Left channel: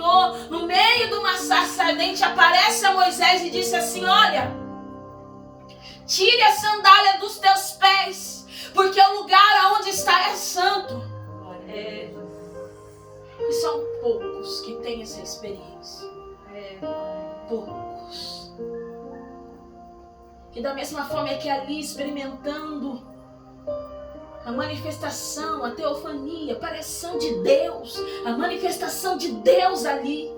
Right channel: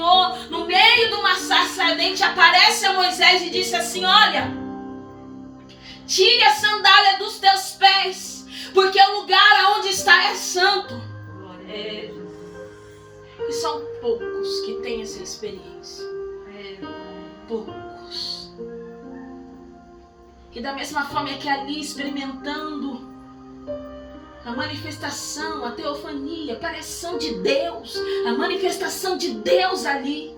Senhor, no meio de uma sarça ardente, aparece a Moisés e disse assim: olha, tire a sandália dos teus pés, porque o lugar aonde está é santo. E são poucos que têm essa experiência. Poucos. E da mesma forma é que ali, experimentando a manifestação, a teofania, a aparição de Deus, a manifestação de Deus ali,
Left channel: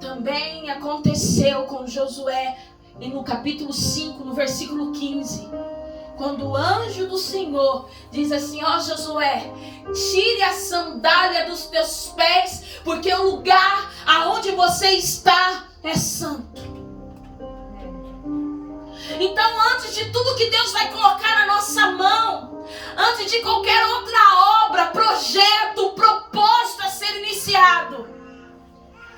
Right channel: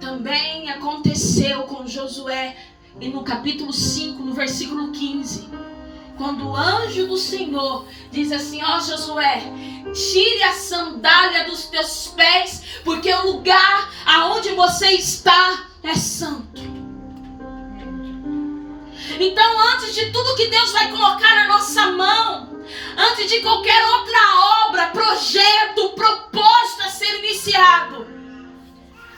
também aconteceu com Josué, e no capítulo 5, no versículo 15, quando o anjo do Senhor diz assim: ó Josué, tire a sandália dos teus pés, porque o lugar aonde você está é santo. Então, antes de tudo que Deus vai colocar na nossa mão, antes de qualquer outra obra, projeto, propósito a ser iniciado,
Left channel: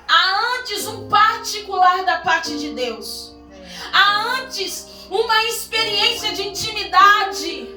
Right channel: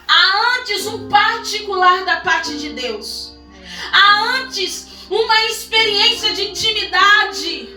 há antes um particular da parte de Deus. Há antes uma experiência de intimidade.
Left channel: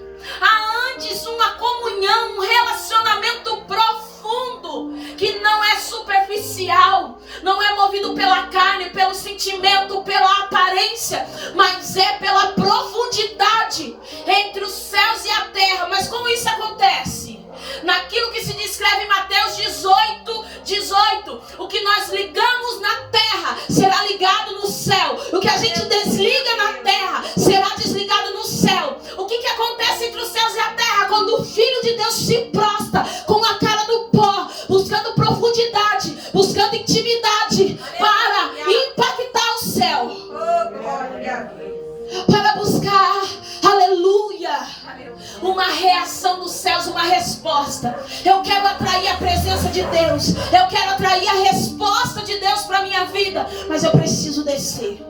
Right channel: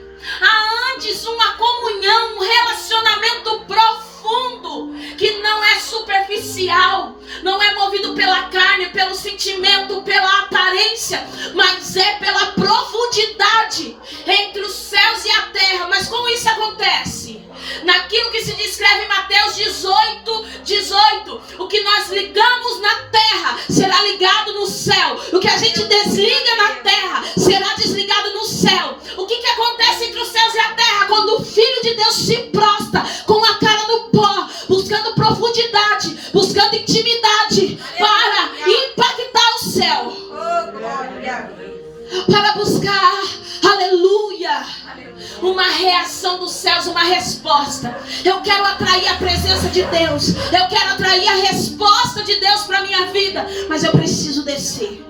Há antes uma comunhão, um relacionamento profundo, que não é superficial, não é movido pela carne, pelo sentimento, pela aparência, mas é pela profundidade entre os céus e a terra. Mas como isso acontece? Naquilo que se descreve em Mateus 18, o que nós ligamos na terra será ligado no céu, o que a gente desliga na terra será desligado no céu. O que acontece entre os céus e a terra? Quando o Filho de Deus se prostra com a cara no pó, buscando profundidade, buscando intimidade, para impactar o céu, para buscar, aleluia, uma reação dos céus, uma resposta. Eu quero atrair a presença de Deus, eu quero atrair a resposta de Deus para a minha vida, mas eu preciso descer.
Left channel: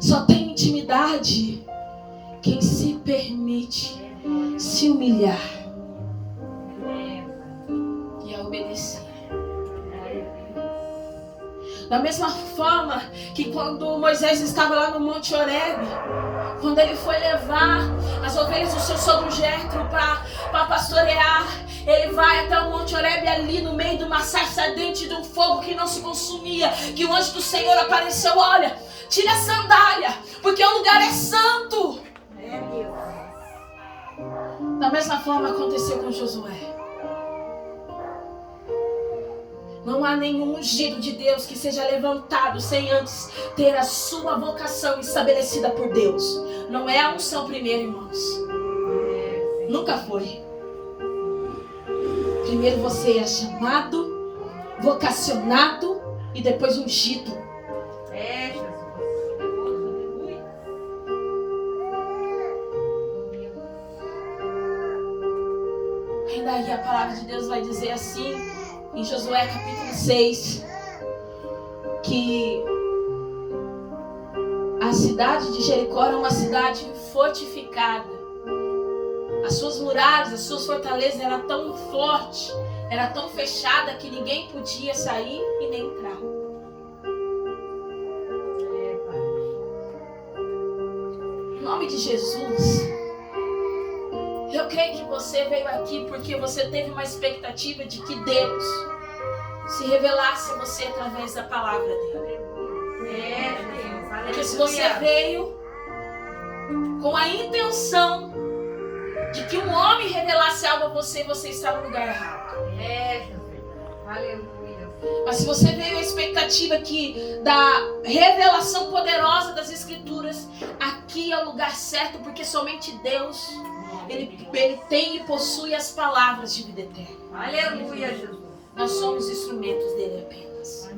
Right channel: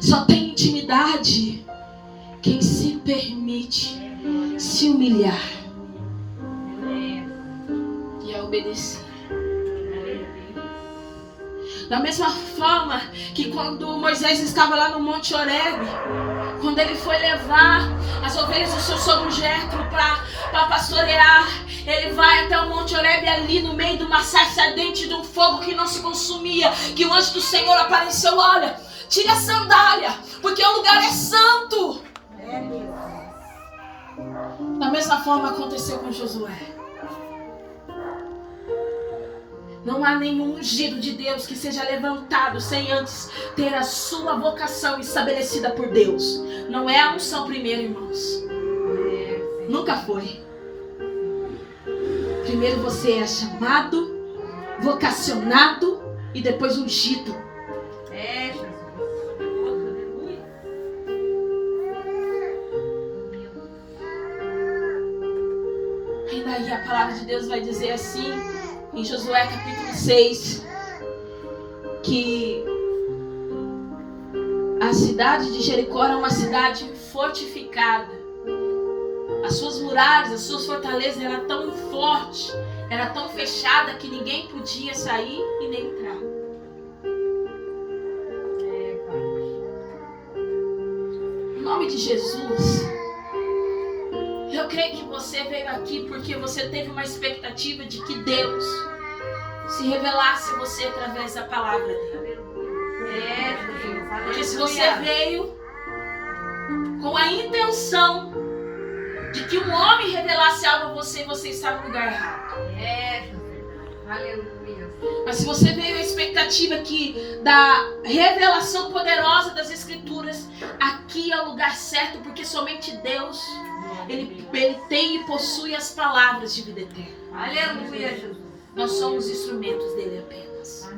Só tem intimidade quem se permite se humilhar e a obedecer. Da mesma forma que quando Moisés estava lá no Monte Horebe, quando ele foi levar as ovelhas do seu sogro Jetro para pastorear, ele vai até o Monte Horebe, ali no meio de uma sarça ardente, de um fogo que não se consumia, que o anjo do Senhor apareceu: olha, tire a sandália, porque o lugar é santo. Da mesma forma aconteceu com Josué. Não há nenhum ungido de Deus que seja levantado sem antes ter a sua vocação estabelecida por Deus. Não é a unção primeiro, irmãos. Nunca foi. Primeiro você é chamado, vocacionado e depois ungido. Ainda aí a palavra de Deus vai dizer assim, em Josué capítulo 6, que a cidade de Jericó era uma cidade fortificada. As suas muralhas, as suas fortalezas eram tão fortes, era tão fechada que ninguém podia sair e nem entrar. Em nome de Jesus, eu creio que você veio aqui porque você teve uma expectativa de que Deus se revelasse a você através da palavra dele. Porque se você veio com a intenção de que um homem revelasse algo a você, você está no lugar errado. Aleluia. Mas se você veio a expectativa da revelação poderosa das Escrituras, aqui é o lugar certo, porque somente Deus, Ele tem e possui as palavras de vida eterna. Aleluia, Jesus. Nós somos instrumentos dele apenas.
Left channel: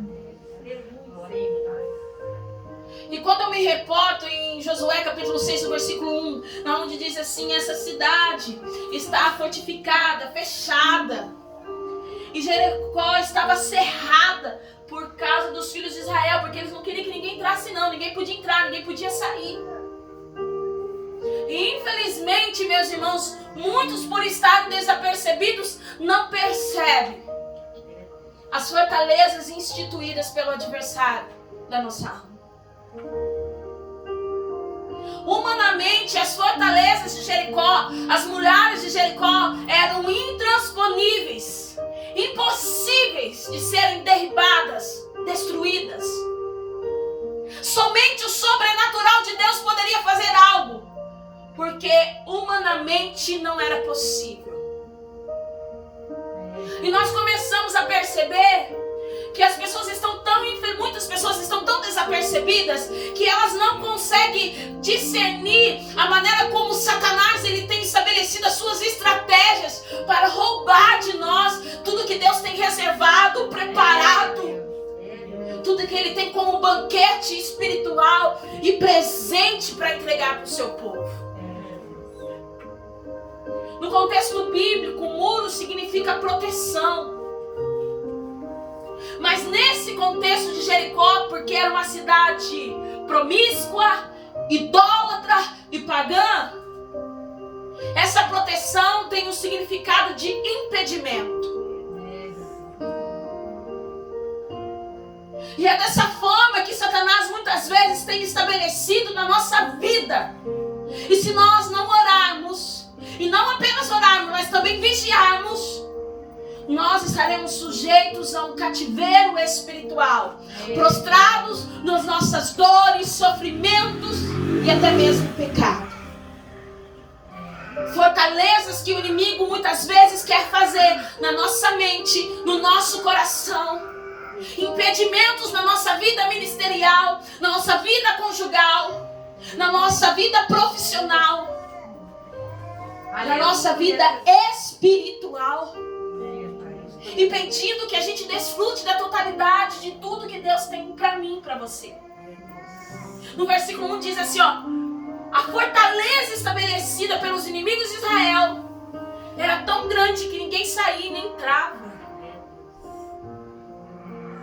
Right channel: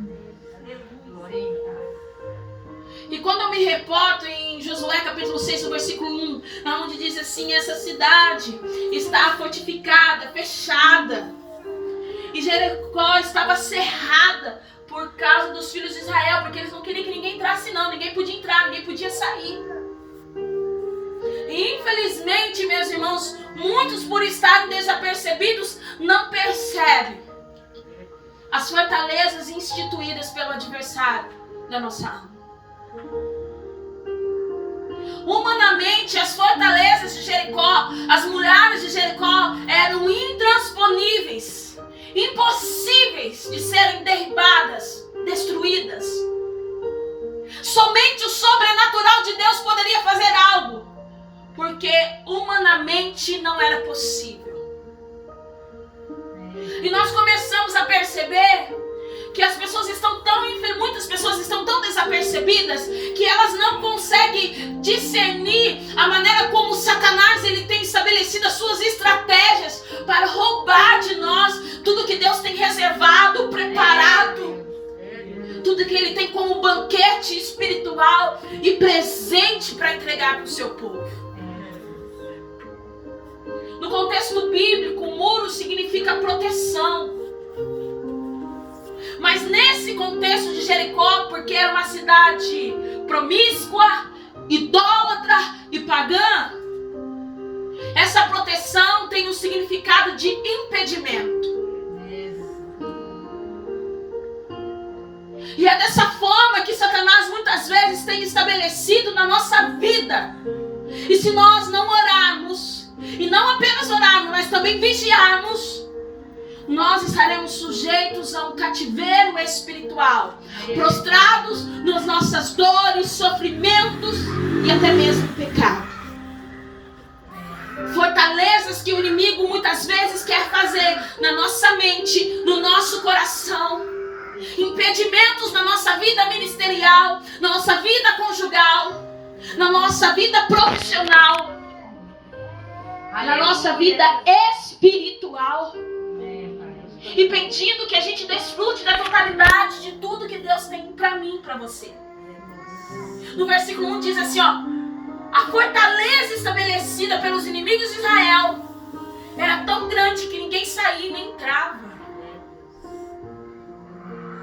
E quando eu me reporto em Josué capítulo 6, no versículo 1, onde diz assim: essa cidade está fortificada, fechada, e Jericó estava cerrada por causa dos filhos de Israel, porque eles não queriam que ninguém entrasse não, ninguém podia entrar, ninguém podia sair. E infelizmente, meus irmãos, muitos, por estarem desapercebidos, não percebem as fortalezas instituídas pelo adversário da nossa alma. Humanamente, as fortalezas de Jericó, as muralhas de Jericó eram intransponíveis. impossíveis de serem derribadas, destruídas. Somente o sobrenatural de Deus poderia fazer algo, porque humanamente não era possível. E nós começamos a perceber que as pessoas muitas pessoas estão tão desapercebidas que elas não conseguem discernir a maneira como Satanás ele tem estabelecido as suas estratégias para roubar de nós tudo que Deus tem reservado, preparado, tudo que ele tem como banquete espiritual e presente para entregar para o seu povo. No contexto bíblico, muro significa proteção. Mas nesse contexto de Jericó, porque era uma cidade promíscua, idólatra e pagã, essa proteção tem um significado de impedimento. E é dessa forma que Satanás muitas vezes tem estabelecido na nossa vida. E se nós não orarmos, e não apenas orarmos, mas também vigiarmos, nós estaremos sujeitos a um cativeiro espiritual, prostrados nas nossas dores, sofrimentos e até mesmo pecado. Fortalezas que o inimigo muitas vezes quer fazer na nossa mente, no nosso coração. Impedimentos na nossa vida ministerial, na nossa vida conjugal, na nossa vida profissional, na nossa vida espiritual. Impedindo que a gente desfrute da totalidade de tudo que Deus tem para mim e para você. No versículo 1 diz assim, ó: a fortaleza estabelecida pelos inimigos de Israel era tão grande que ninguém saía nem entrava.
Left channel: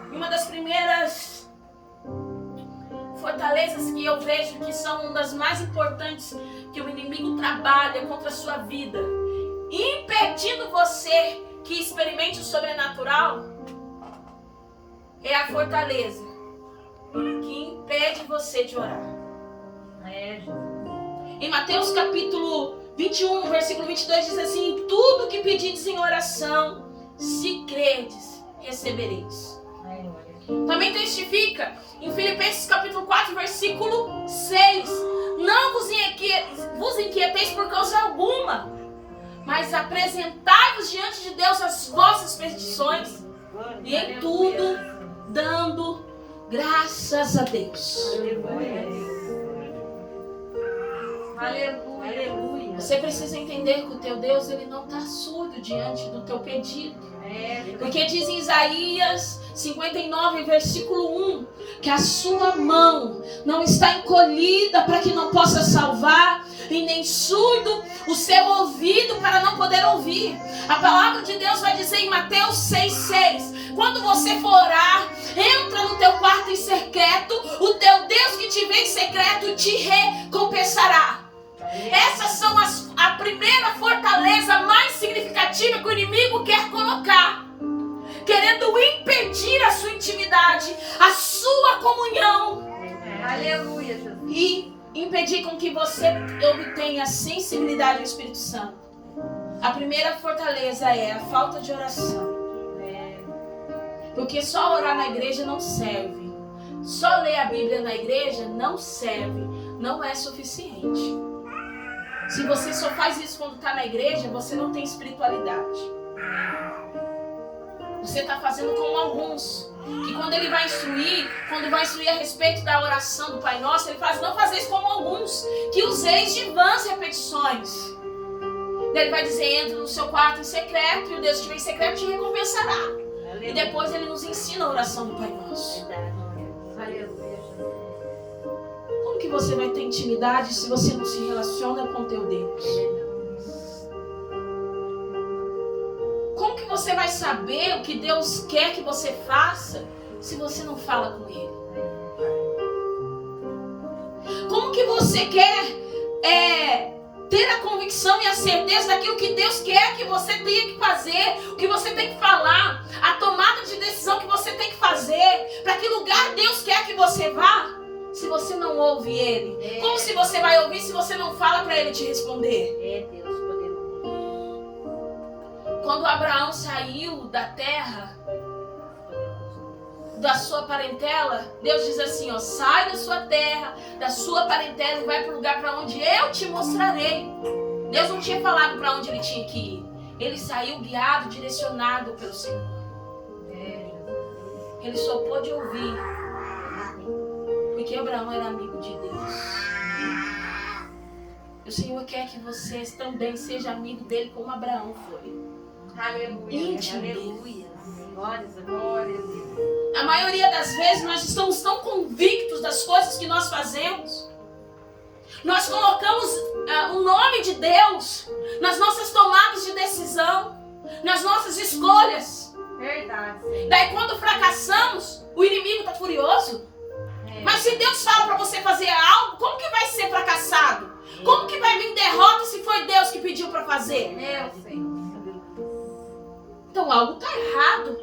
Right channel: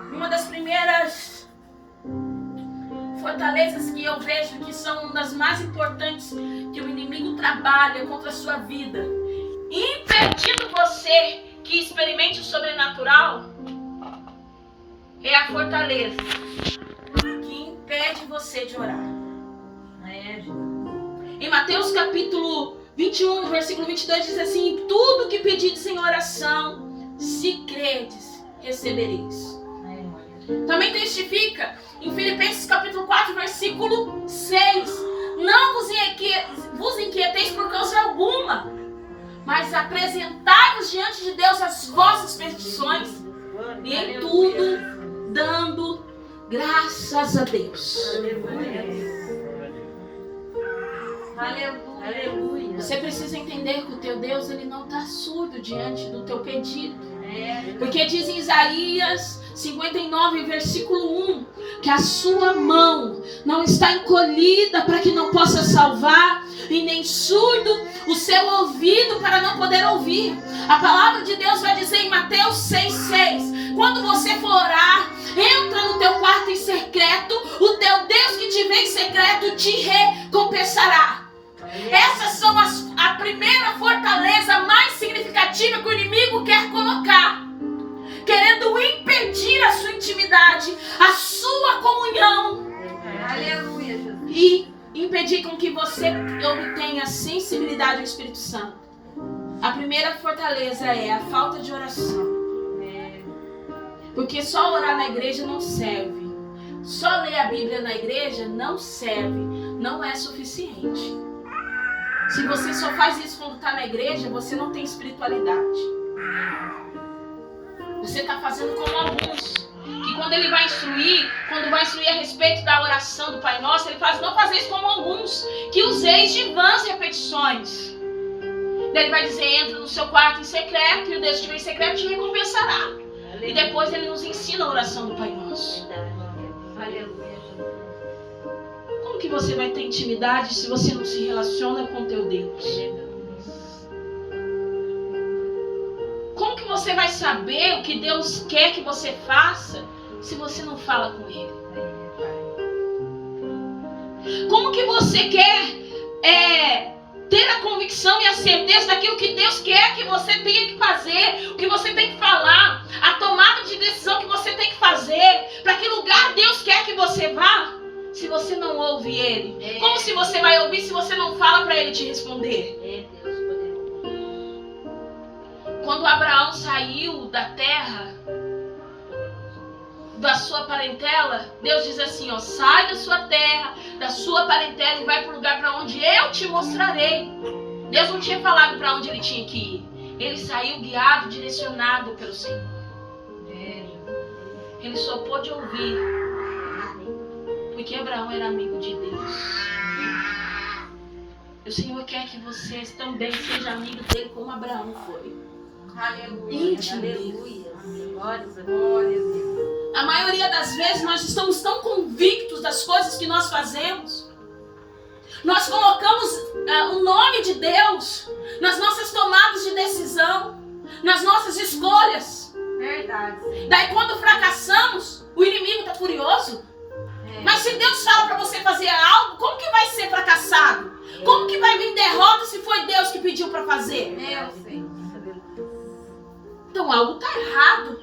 Uma das primeiras fortalezas que eu vejo que são uma das mais importantes que o inimigo trabalha contra a sua vida, impedindo você que experimente o sobrenatural, é a fortaleza que impede você de orar. Em Mateus capítulo 21, versículo 22 diz assim: tudo que pedides em oração, se credes, recebereis. Também testifica em Filipenses capítulo 4, versículo 6: não vos inquieteis por causa alguma, mas apresentai-vos diante de Deus as vossas petições, e em tudo dando graças a Deus. Aleluia. Você precisa entender que o teu Deus ele não está surdo diante do teu pedido. Porque diz em Isaías 59, versículo 1, que a sua mão não está encolhida para que não possa salvar, e nem surdo o seu ouvido para não poder ouvir. A palavra de Deus vai dizer em Mateus 6,6: quando você for orar, entra no teu quarto em secreto, o teu Deus que te vê em secreto te recompensará. Essas são a primeira fortaleza mais significativa que o inimigo quer colocar, querendo impedir a sua intimidade, a sua comunhão. Aleluia, Jesus. E impedir com que você obtenha sensibilidade ao Espírito Santo. A primeira fortaleza é a falta de oração. Porque só orar na igreja não serve. Só ler a Bíblia na igreja não serve. Não é suficiente. Se você só faz isso quando está na igreja, você não tem espiritualidade. Você está fazendo como alguns, que quando ele vai instruir, a respeito da oração do Pai Nosso, ele faz: não fazer isso como alguns, que useis de vãs repetições. Ele vai dizer: entra no seu quarto em secreto, e o Deus que vem em secreto te recompensará. E depois ele nos ensina a oração do Pai Nosso. Aleluia. Como que você vai ter intimidade se você não se relaciona com teu Deus? Como que você vai saber o que Deus quer que você faça se você não fala com Ele? Como que você quer ter a convicção e a certeza daquilo que Deus quer que você tenha que fazer, o que você tem que falar, a tomada de decisão que você tem que fazer, para que lugar Deus quer que você vá, se você não ouve Ele? Como se você vai ouvir se você não fala para Ele te responder? Quando Abraão saiu da terra, da sua parentela, Deus diz assim, ó, sai da sua terra, da sua parentela e vai para o lugar para onde eu te mostrarei. Deus não tinha falado para onde ele tinha que ir. Ele saiu guiado, direcionado pelo Senhor. Ele só pôde ouvir porque Abraão era amigo de Deus. O Senhor quer que você também seja amigo dele como Abraão foi. Aleluia. Íntimo. Aleluia. Glória a Deus. A maioria das vezes nós estamos tão convictos das coisas que nós fazemos. Nós colocamos o nome de Deus nas nossas tomadas de decisão, nas nossas escolhas. Verdade, Senhor. Daí quando fracassamos, o inimigo está furioso. Mas se Deus fala para você fazer algo, como que vai ser fracassado? Como que vai vir derrota se foi Deus que pediu para fazer? Meu Senhor. Então algo está errado.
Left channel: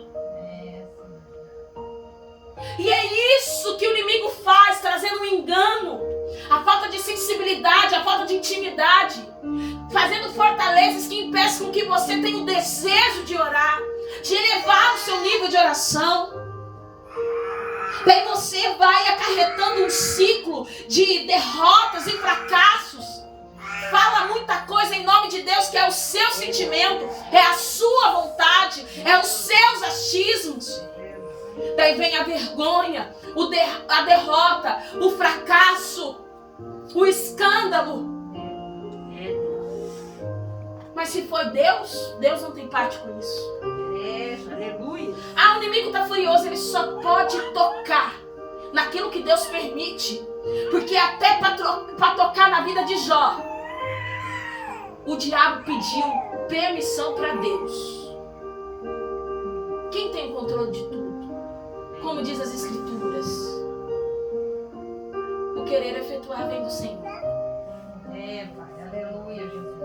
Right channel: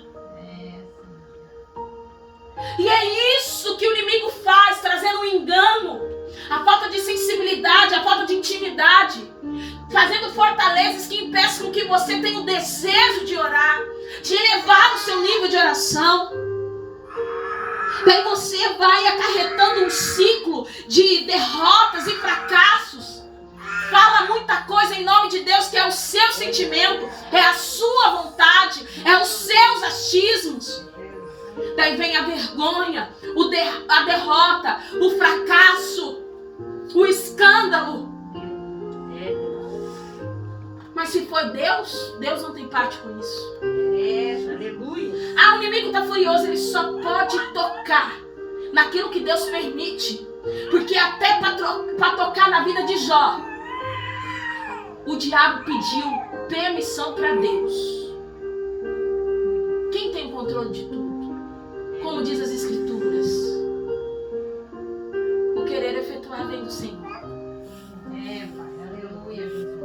E é isso que o inimigo faz, trazendo um engano, a falta de sensibilidade, a falta de intimidade, fazendo fortalezas que impeçam que você tenha o desejo de orar, de elevar o seu nível de oração. Daí você vai acarretando um ciclo de derrotas e fracassos. Fala muita coisa em nome de Deus que é o seu sentimento, é a sua vontade, é os seus achismos. Daí vem a vergonha, a derrota, o fracasso, o escândalo. Mas se foi Deus, Deus não tem parte com isso. Aleluia. O inimigo está furioso, ele só pode tocar naquilo que Deus permite. Porque até para tocar na vida de Jó, o diabo pediu permissão para Deus. Quem tem controle de tudo? Como diz as Escrituras, o querer efetuar vem do Senhor. Pai. Aleluia, Jesus.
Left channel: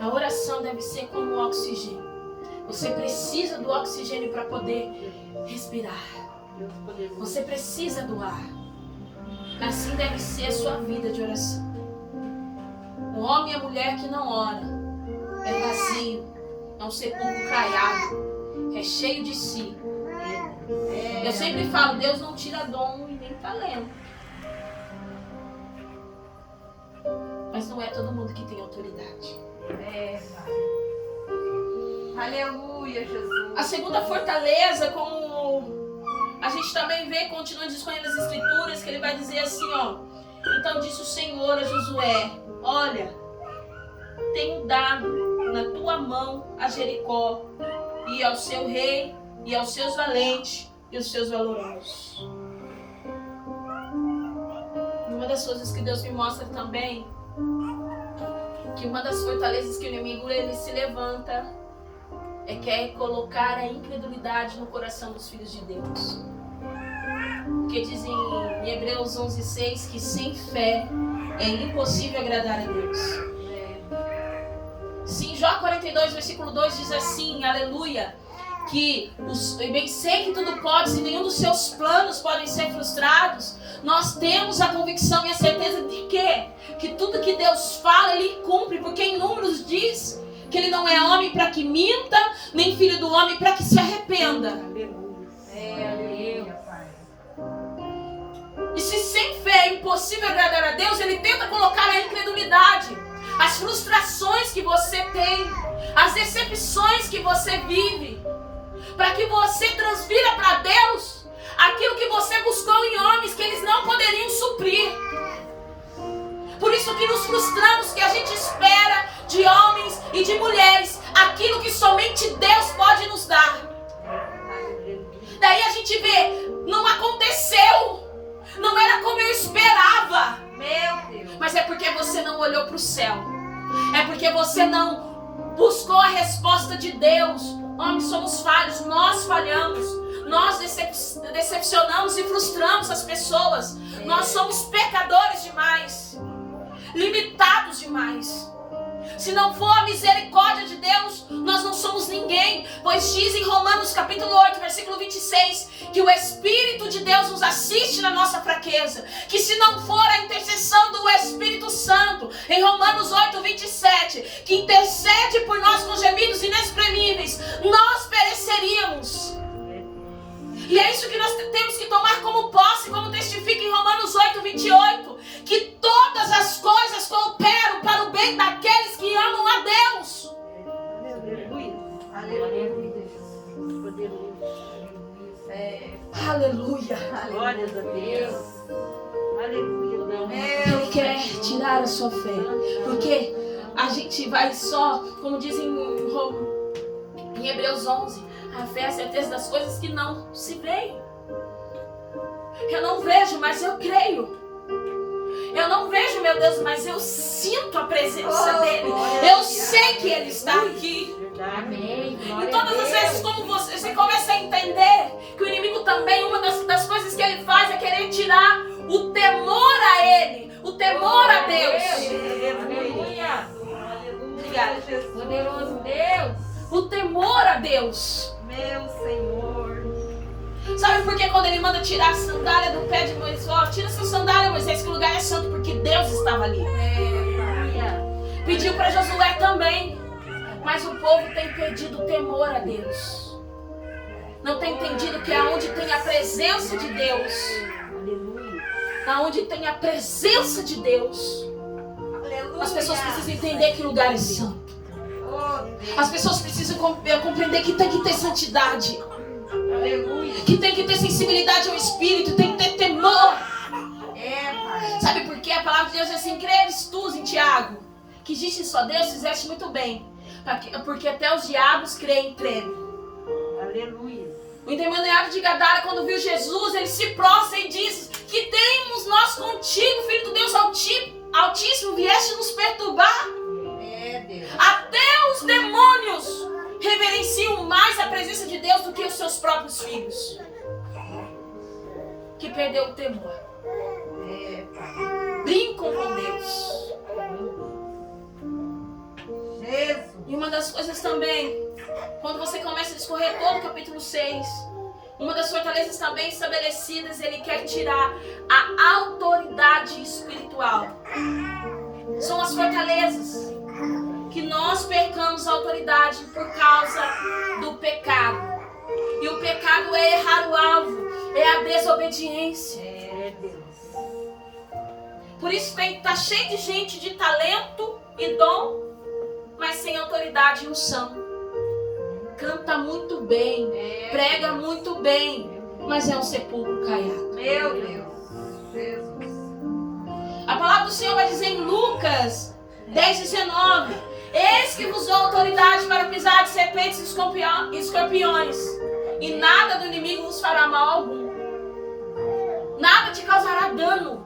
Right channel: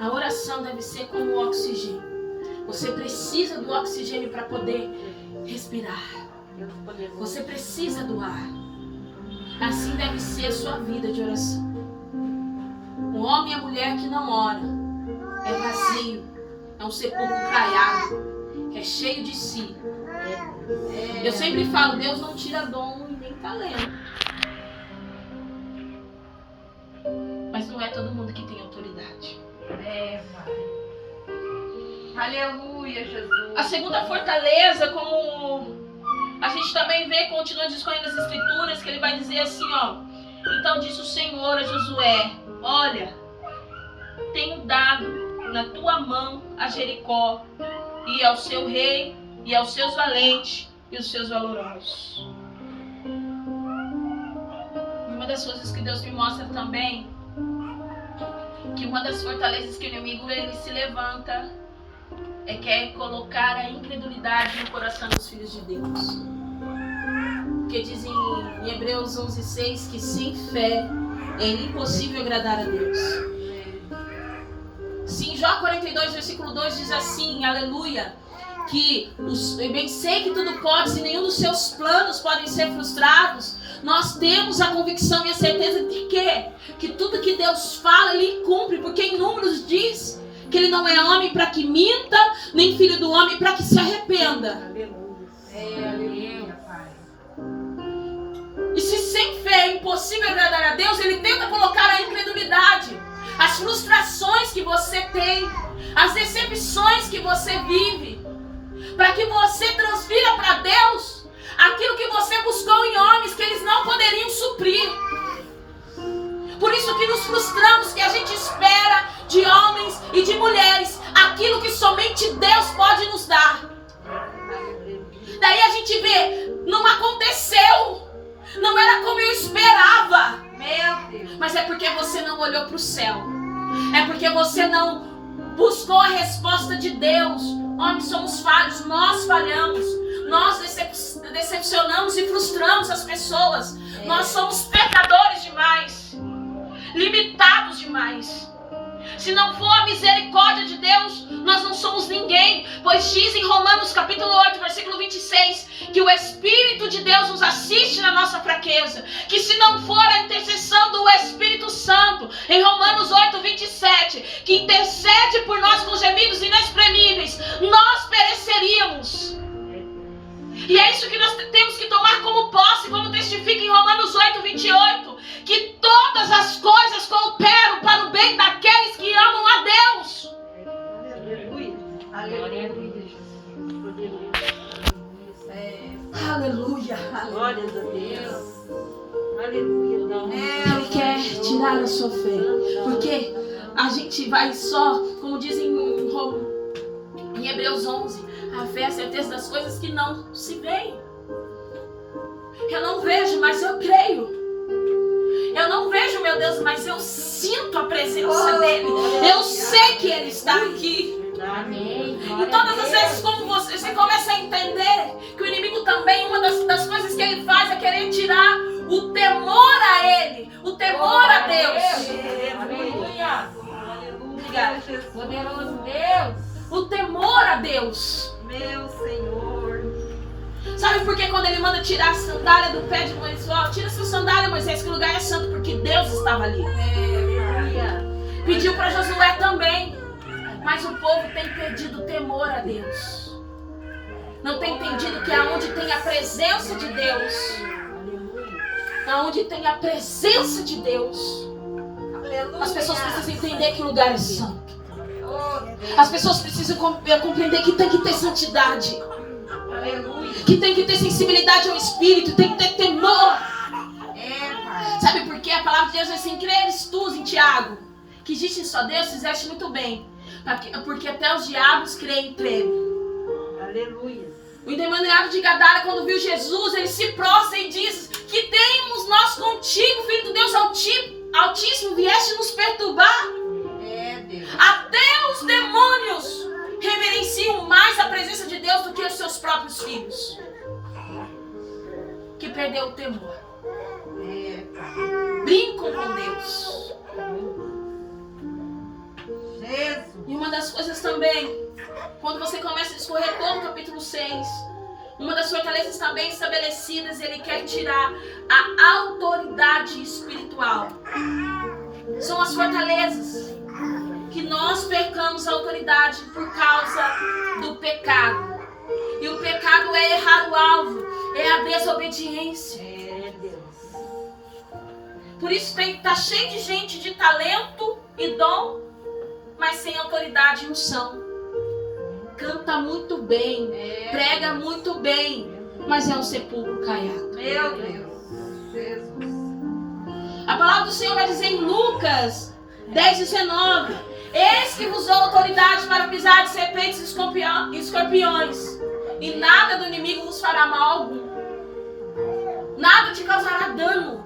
A oração deve ser como o oxigênio. Você precisa do oxigênio para poder respirar. Você precisa do ar. Assim deve ser a sua vida de oração. O homem e a mulher que não ora é vazio, é um sepulcro caiado, é cheio de si. Eu sempre falo, Deus não tira dom e nem talento. Mas não é todo mundo que tem autoridade. Pai. Aleluia, Jesus. A segunda fortaleza, como a gente também vê, continuando escolhendo as Escrituras, que ele vai dizer assim, ó. Então disse o Senhor a Josué, olha, tenho dado na tua mão a Jericó, e ao seu rei, e aos seus valentes, e os seus valorosos. E uma das coisas que Deus me mostra também, que uma das fortalezas que o inimigo ele se levanta, é colocar a incredulidade no coração dos filhos de Deus. Porque diz em Hebreus 11:6 que sem fé é impossível agradar a Deus. Sim, Jó 42, versículo 2 diz assim, aleluia, que eu bem sei que tudo pode e nenhum dos seus planos podem ser frustrados. Nós temos a convicção e a certeza de que tudo que Deus fala, Ele cumpre, porque em Números diz que Ele não é homem para que minta, nem filho do homem para que se arrependa. Aleluia, Pai. E se sem fé é impossível agradar a Deus, Ele tenta colocar a incredulidade, as frustrações que você tem, as decepções que você vive, para que você transfira para Deus aquilo que você buscou em homens que eles não poderiam suprir. Por isso que nos frustramos, que a gente espera de homens e de mulheres aquilo que somente Deus pode nos dar. Daí a gente vê, não aconteceu, não era como eu esperava. Meu Deus. Mas é porque você não olhou para o céu, é porque você não buscou a resposta de Deus. Homens somos falhos, nós falhamos, nós decepcionamos e frustramos as pessoas. Nós somos pecadores demais, limitados demais. Se não for a misericórdia de Deus, nós não somos ninguém. Pois diz em Romanos capítulo 8, versículo 26, que o Espírito de Deus nos assiste na nossa fraqueza. Que se não for a intercessão do Espírito Santo, em Romanos 8, 27, que intercede por nós com gemidos inexprimíveis, nós pereceríamos. E é isso que nós temos que tomar como posse, como testifica em Romanos 8, 28, que todas as coisas cooperam para o bem daqueles que amam a Deus. Aleluia. Aleluia. Aleluia. Glória a Deus. Aleluia. Ele quer tirar a sua fé, porque a gente vai só, como dizem em Hebreus 11, a fé é a certeza das coisas que não se veem. Eu não vejo, mas eu creio. Eu não vejo, meu Deus, mas eu sinto a presença dele. Eu sei que ele está aqui. Amém. E todas as vezes como você começa a entender que o inimigo também, uma das coisas que ele faz é querer tirar o temor a ele, o temor a Deus. Aleluia. Obrigada. Poderoso Deus. O temor a Deus. Meu Senhor. Sabe por que quando ele manda tirar a sandália do pé de Moisés? Ó, tira essa sandália, Moisés, que o lugar é santo, porque Deus estava ali. Pediu para Josué também. Mas o povo tem perdido o temor a Deus. Não tem entendido que aonde tem a presença de Deus, aonde tem a presença de Deus, as pessoas precisam entender que o lugar é santo. As pessoas precisam compreender que tem que ter santidade. Que tem que ter sensibilidade ao Espírito, tem que ter temor. Sabe por quê? A palavra de Deus é assim: creres tu em Tiago, que existe só Deus, fizeste muito bem. Porque até os diabos creem entre ele. Aleluia. O endemoniado de Gadara, quando viu Jesus, ele se prostra e diz: que temos nós contigo, Filho do Deus Altíssimo, vieste nos perturbar. Deus. Até os demônios reverenciam mais a presença de Deus do que os seus próprios filhos. Que perdeu o temor. Brincam com Deus. Jesus. E uma das coisas também, quando você começa a discorrer todo o capítulo 6, uma das fortalezas também estabelecidas, ele quer tirar a autoridade espiritual. São as fortalezas que nós percamos a autoridade por causa do pecado. E o pecado é errar o alvo, é a desobediência. Deus. Por isso tá cheio de gente de talento e dom, mas sem autoridade e unção. Canta muito bem, prega muito bem, mas é um sepulcro caiado. Meu Deus. Jesus. A palavra do Senhor vai dizer em Lucas 10:19: eis que vos dou autoridade para pisar de serpentes e escorpiões, e nada do inimigo vos fará mal algum. Nada te causará dano.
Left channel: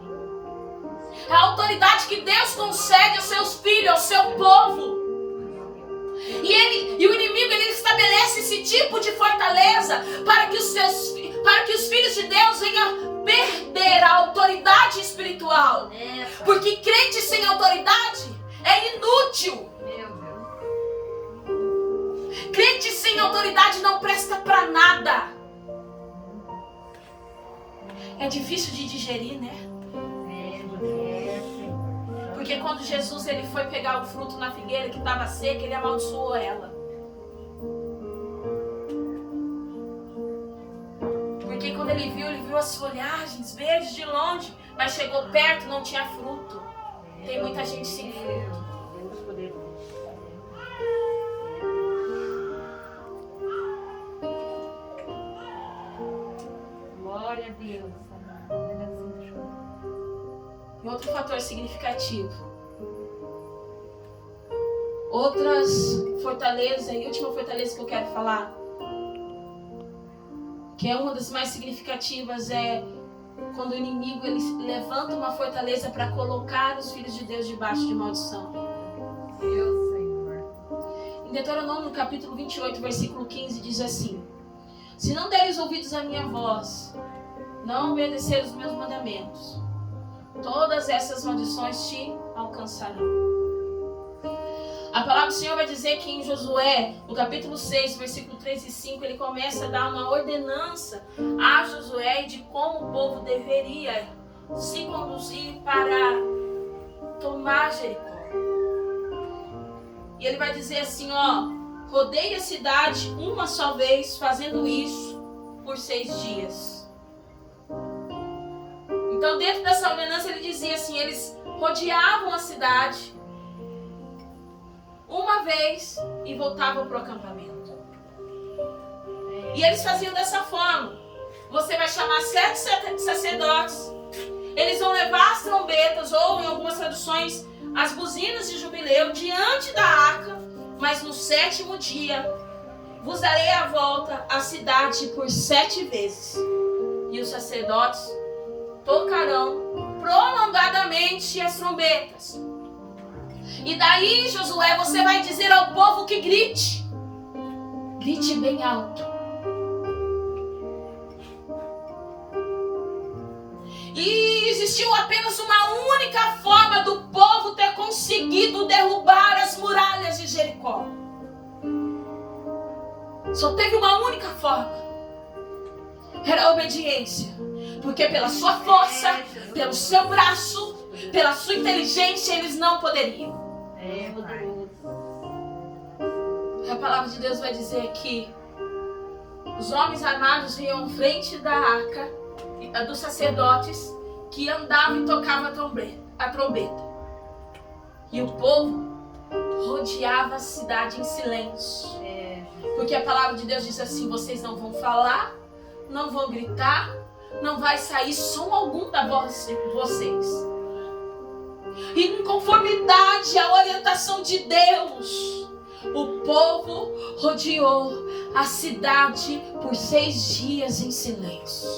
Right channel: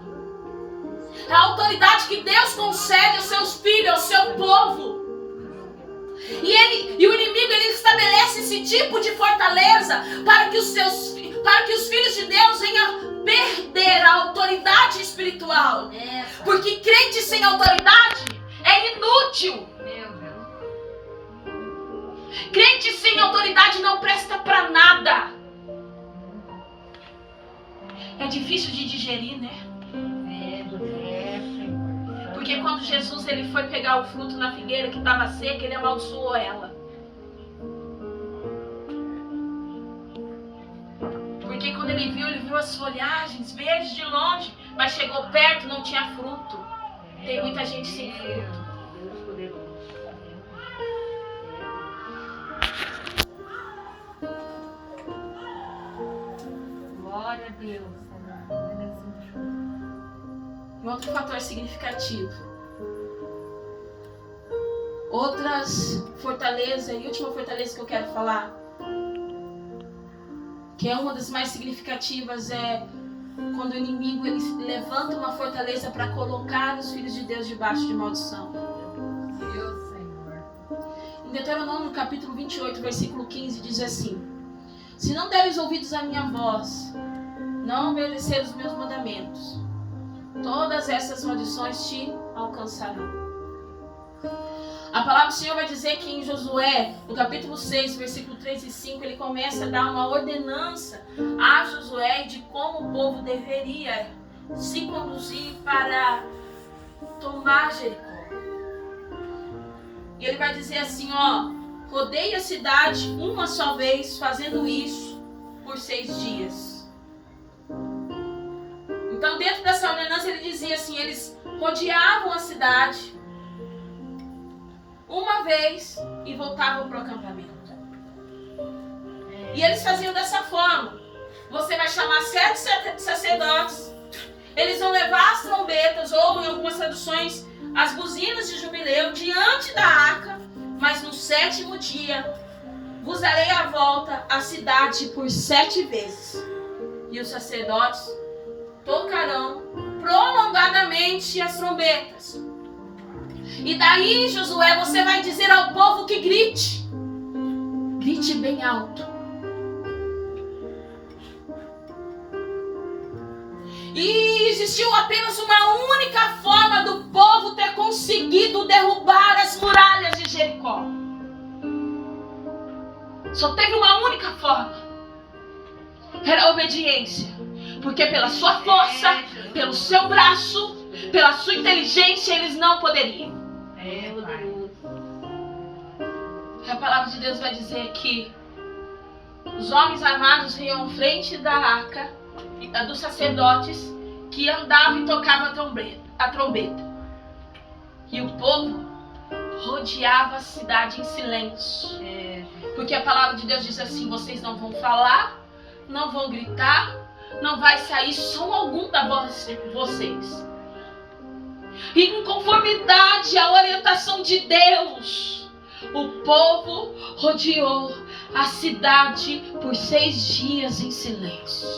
É a autoridade que Deus concede aos seus filhos, ao seu povo. E o inimigo, ele estabelece esse tipo de fortaleza para que os filhos de Deus venham perder a autoridade espiritual. Porque crente sem autoridade é inútil. Meu Deus. Crente sem autoridade não presta para nada. É difícil de digerir, né? Porque quando Jesus ele foi pegar o fruto na figueira que estava seca, ele amaldiçoou ela. Porque quando ele viu as folhagens verdes de longe, mas chegou perto e não tinha fruto. Tem muita gente sem fruto. Glória a Deus. E outro fator significativo. Outras fortalezas, e última fortaleza que eu quero falar, que é uma das mais significativas, é quando o inimigo ele levanta uma fortaleza para colocar os filhos de Deus debaixo de maldição. Meu Senhor. Em Deuteronômio capítulo 28, versículo 15, diz assim: se não deres ouvidos à minha voz, não obedecer os meus mandamentos, todas essas maldições te alcançarão. A palavra do Senhor vai dizer que em Josué, no capítulo 6, versículo 3 e 5, ele começa a dar uma ordenança a Josué de como o povo deveria se conduzir para tomar Jericó. E ele vai dizer assim, rodeie a cidade uma só vez, fazendo isso por 6 dias. Então, dentro dessa ordenança, ele dizia assim, eles rodeavam a cidade uma vez e voltavam para o acampamento. E eles faziam dessa forma. Você vai chamar 7 sacerdotes. Eles vão levar as trombetas, ou em algumas traduções, as buzinas de jubileu diante da arca. Mas no 7º dia, vos darei a volta à cidade por 7 vezes. E os sacerdotes tocarão prolongadamente as trombetas. E daí, Josué, você vai dizer ao povo que grite. Grite bem alto. E existiu apenas uma única forma do povo ter conseguido derrubar as muralhas de Jericó. Só teve uma única forma. Era a obediência. Porque pela sua força, pelo seu braço, pela sua inteligência, eles não poderiam. A palavra de Deus vai dizer que os homens armados iam à frente da arca dos sacerdotes que andavam e tocavam a trombeta. E o povo rodeava a cidade em silêncio. Porque a palavra de Deus diz assim, vocês não vão falar, não vão gritar, não vai sair som algum da voz de vocês. E em conformidade à orientação de Deus, o povo rodeou a cidade por 6 dias em silêncio.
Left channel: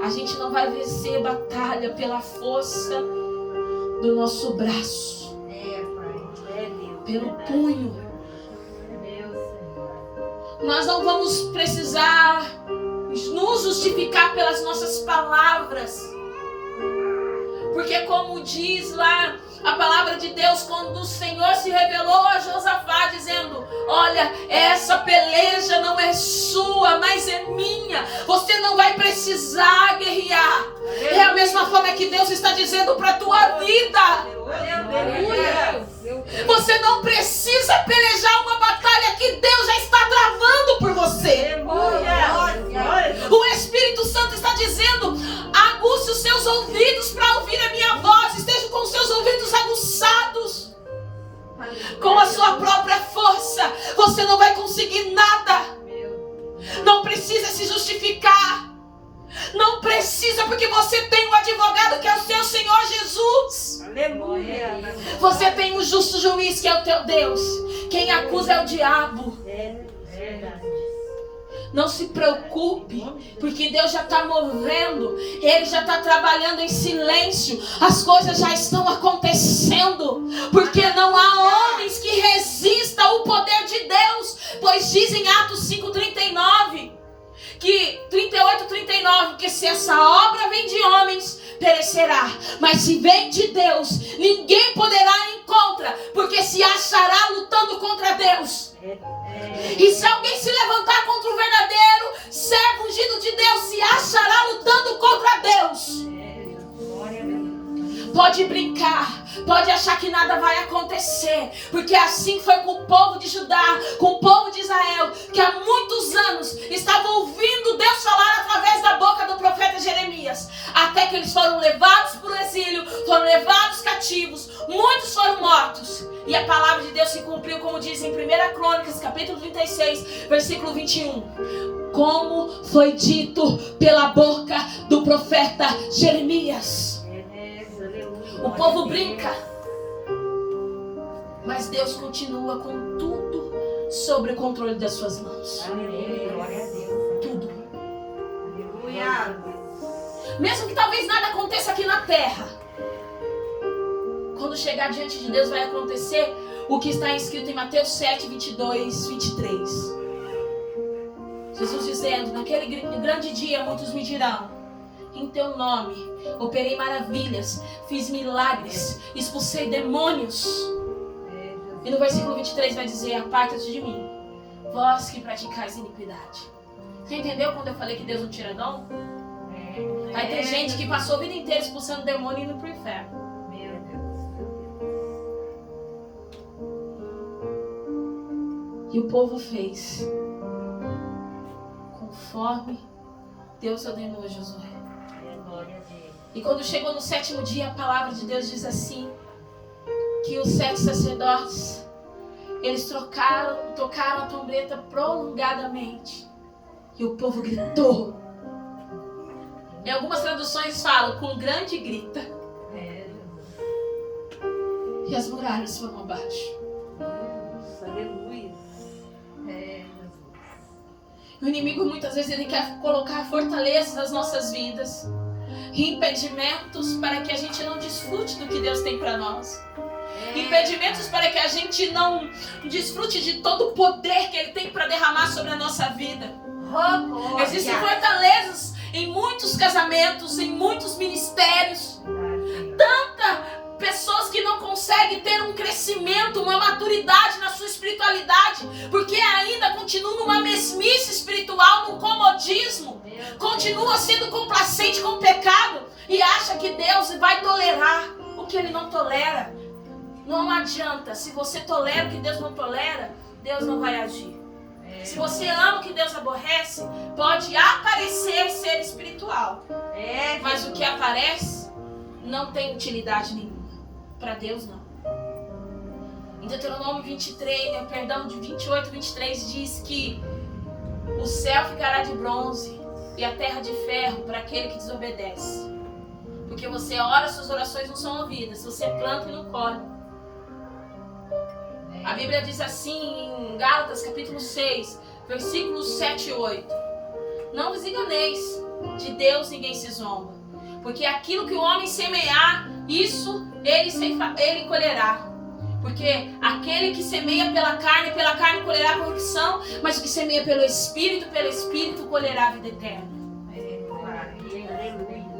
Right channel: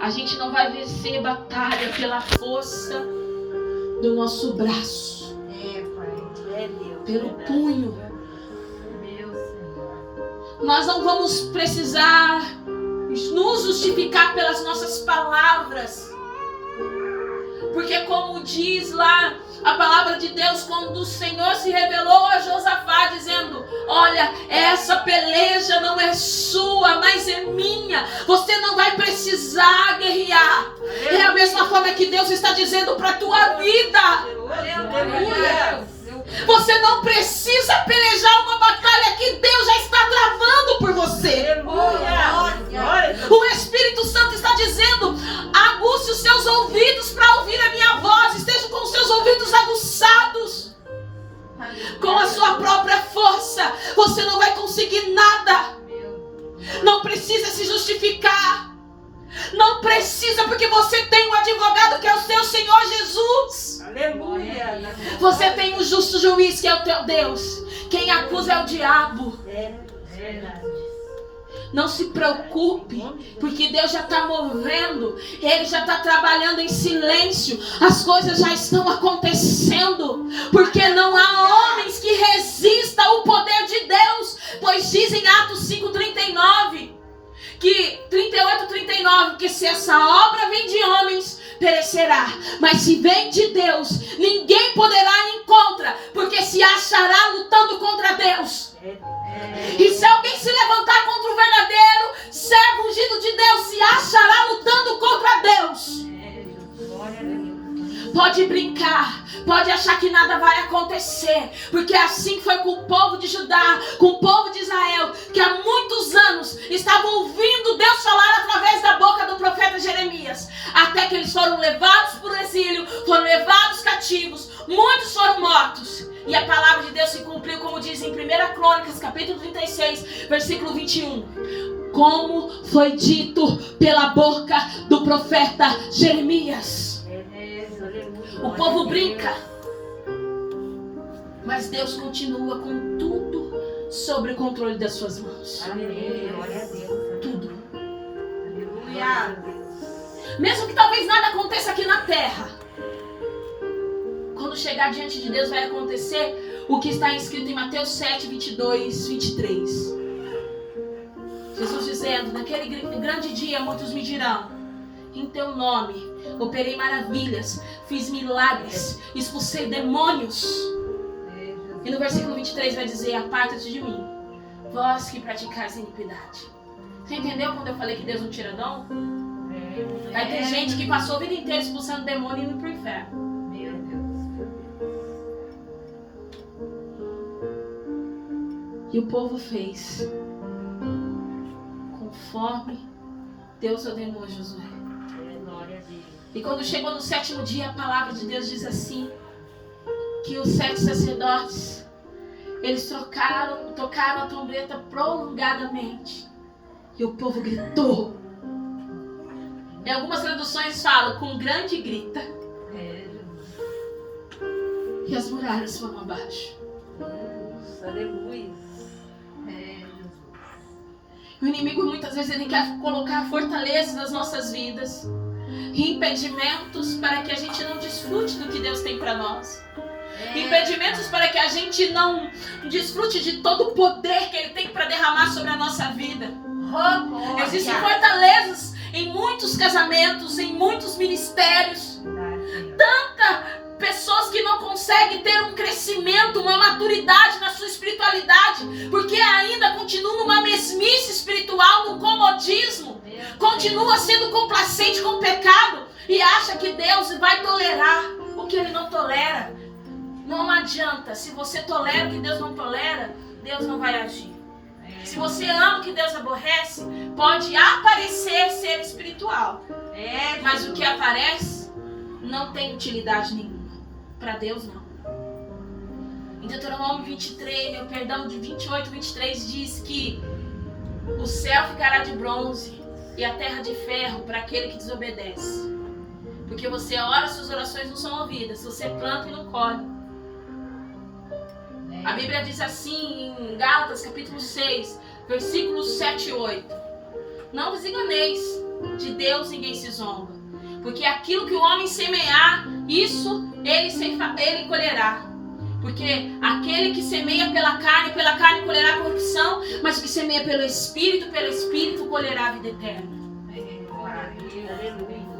A gente não vai vencer batalha pela força do nosso braço, pelo punho. Nós não vamos precisar nos justificar pelas nossas palavras. Porque como diz lá a palavra de Deus, quando o Senhor se revelou a Josafá dizendo, olha, essa peleja não é sua, mas é minha. Você não vai precisar guerrear. É a mesma forma que Deus está dizendo para a tua vida. Aleluia. Você não precisa pelejar uma batalha que Deus já está travando por você. O Espírito Santo está dizendo, aguce os seus ouvidos para ouvir a minha voz. Esteja com os seus ouvidos aguçados. Com a sua própria força, você não vai conseguir nada. Não precisa se justificar. Não precisa, porque você tem um advogado que é o seu Senhor Jesus. Aleluia. Você tem um justo juiz que é o teu Deus. Quem acusa é o diabo. Não se preocupe, porque Deus já está movendo. Ele já está trabalhando em silêncio. As coisas já estão acontecendo. Porque não há homens que resistam ao poder de Deus. Pois diz em Atos 5:39, que 38:39, que se essa obra vem de homens, perecerá. Mas se vem de Deus, ninguém poderá ir contra, porque se achará lutando contra Deus. E se alguém se levantar contra o verdadeiro servo ungido de Deus, se achará lutando contra Deus. Pode brincar, pode achar que nada vai acontecer, porque assim foi com o povo de Judá, com o povo de Israel, que há muitos anos estavam ouvindo Deus falar através da boca do profeta Jeremias, até que eles foram levados para o exílio, foram levados cativos, muitos foram mortos. E a palavra de Deus se cumpriu, como diz em 1 Crônicas, capítulo 36, versículo 21. Como foi dito pela boca do profeta Jeremias. O povo brinca, mas Deus continua com tudo sobre o controle das suas mãos. Glória a Deus. Tudo. Aleluia. Mesmo que talvez nada aconteça aqui na terra, quando chegar diante de Deus vai acontecer o que está escrito em Mateus 7, 22, 23. Jesus dizendo, naquele grande dia muitos me dirão, em teu nome, operei maravilhas, fiz milagres, expulsei demônios. E no versículo 23 vai dizer: aparta-te de mim, vós que praticais iniquidade. Você entendeu quando eu falei que Deus não tira dom? Vai ter gente que passou a vida inteira expulsando demônio e indo pro inferno. Meu Deus. E o povo fez conforme Deus ordenou a Josué. Glória a Deus. E quando chegou no 7º dia, a palavra de Deus diz assim: que os 7 sacerdotes, eles tocaram a trombeta prolongadamente. E o povo gritou. Em algumas traduções falam com grande grita. E as muralhas foram abaixo. Aleluia. O inimigo muitas vezes ele quer colocar fortalezas nas nossas vidas, impedimentos para que a gente não desfrute do que Deus tem para nós. Impedimentos para que a gente não desfrute de todo o poder que Ele tem para derramar sobre a nossa vida. Existem fortalezas em muitos casamentos, em muitos ministérios. Pessoas que não conseguem ter um crescimento, uma maturidade na sua espiritualidade, porque ainda continuam numa mesmice espiritual, num comodismo, continua sendo complacente com o pecado e acha que Deus vai tolerar o que Ele não tolera. Não adianta, se você tolera o que Deus não tolera, Deus não vai agir. Se você ama o que Deus aborrece, pode aparecer ser espiritual, mas o que aparece não tem utilidade nenhuma. Para Deus não. Em Deuteronômio 23, de 28, 23 diz que o céu ficará de bronze e a terra de ferro para aquele que desobedece. Porque você ora, suas orações não são ouvidas. Você planta e não colhe. A Bíblia diz assim em Gálatas capítulo 6, versículos 7 e 8. Não vos enganeis, de Deus ninguém se zomba. Porque aquilo que o homem semear, isso ele colherá. Porque aquele que semeia pela carne colherá corrupção, mas o que semeia pelo Espírito colherá a vida eterna. Aleluia.